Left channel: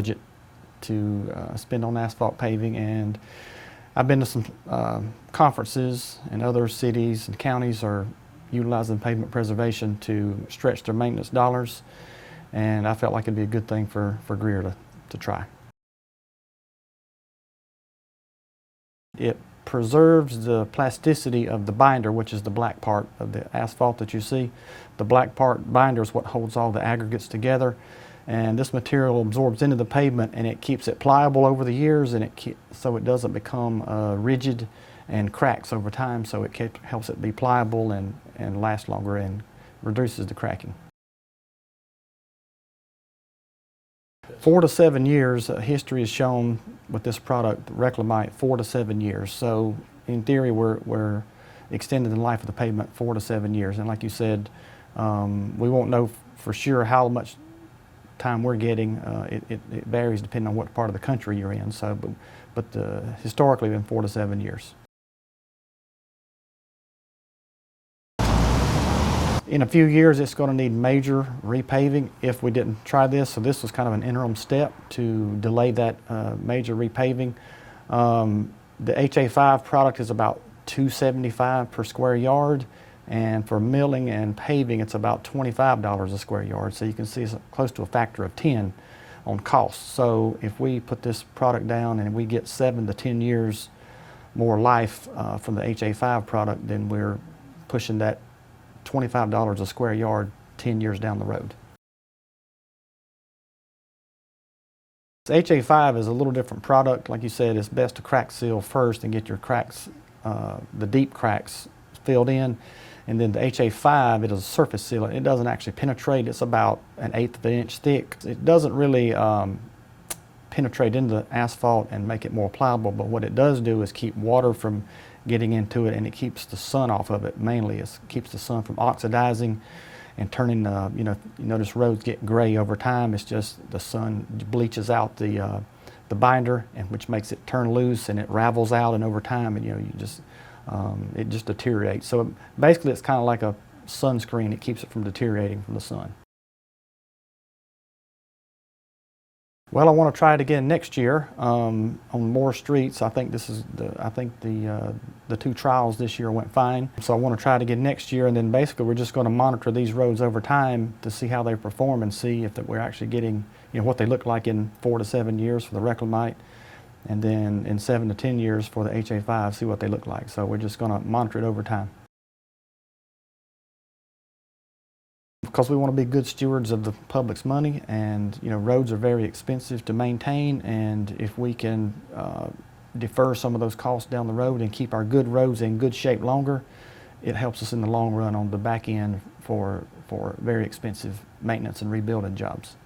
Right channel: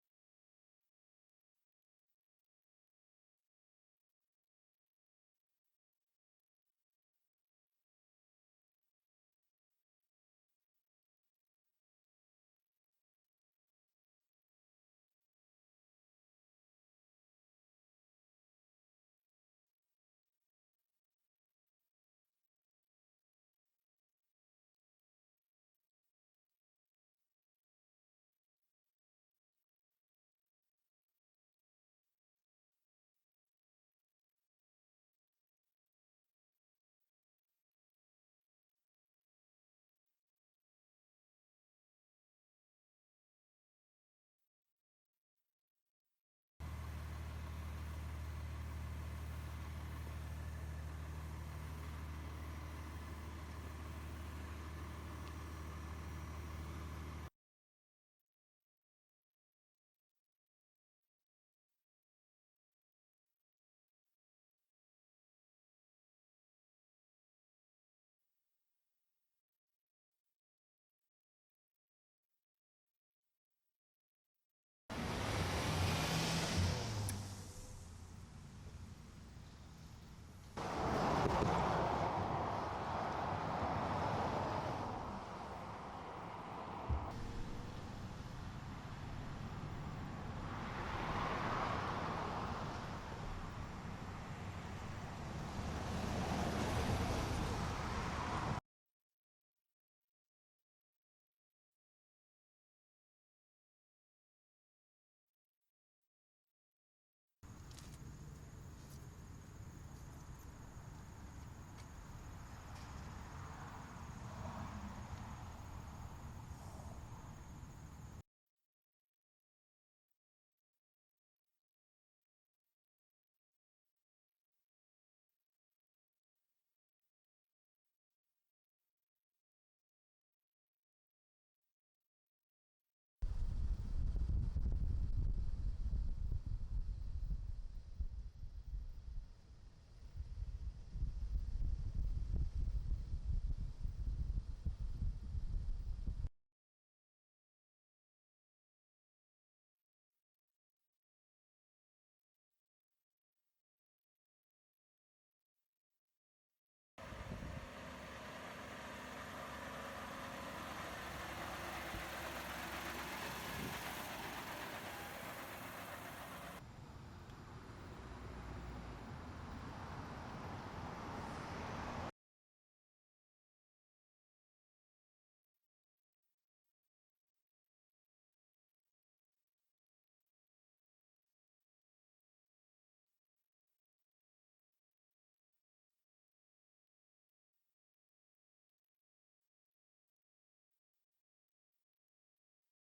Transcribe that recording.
budget to spend on asphalt paving. And I've been to some conferences, and other cities and counties are utilizing pavement preservation to stretch their maintenance dollars, and I felt like it'd be a good thing for Greer to try. It preserves the plasticity of the binder, which is the black part of the asphalt that you see. The black part binder is what holds all the aggregates together, and this material absorbs into the pavement and it keeps it pliable over the years, and so it doesn't become rigid and cracks over time, so it helps it be pliable and last longer and reduces the cracking. 4 to 7 years, history has shown with this product, Reclamite, 4 to 7 years. So in theory, we're extending the life of the pavement 4 to 7 years. And like you said, we won't know for sure how much time we're getting. It varies depending on what part of the country you're in. So, but historically, been 4 to 7 years. In a few years, it's going to need major repaving if we didn't try this. So this was kind of an interim step to delay that major repaving. The HA5 product is about $275 per square yard, and for milling and paving, it's about $25 a square yard. So you can see it's close to a factor of 10 on cost. So if we put this product down and we get 7 to 10 years more life from the HA5 product, then we're pushing that $25 a square yard 10 years down the road. HA5 is a little different product. Like you said, it's best to crack seal first and get your cracks, the deep cracks, filled in. And then the HA5, it is a surface sealant. It doesn't actually penetrate. It's about 1/8 of an inch thick. It doesn't really penetrate into the asphalt and make it more pliable, but what it does do is keep water from getting into it, and it keeps the sun off of it. Mainly, it keeps the sun from oxidizing and turning, you notice roads get gray over time. It's just the sun bleaches out the binder, and which makes it turn loose, and it ravels out, and over time, and it just deteriorates. So basically, it's kind of like a sunscreen. It keeps it from deteriorating from the sun. Well, I want to try it again next year on more streets. I think the 2 trials this year went fine. So I want to try it again next year, and then basically we're just going to monitor these roads over time to see how they perform and see if we're actually getting what they look like in 4 to 7 years for the Reclamite, and then in 7 to 10 years for the HA5, see what they look like. So we're just going to monitor it over time. Because we want to be good stewards of the public's money, and roads are very expensive to maintain, and if we can defer some of those costs down the road and keep our good roads in good shape longer, it helps us in the long run on the back end for very expensive maintenance and rebuilding jobs.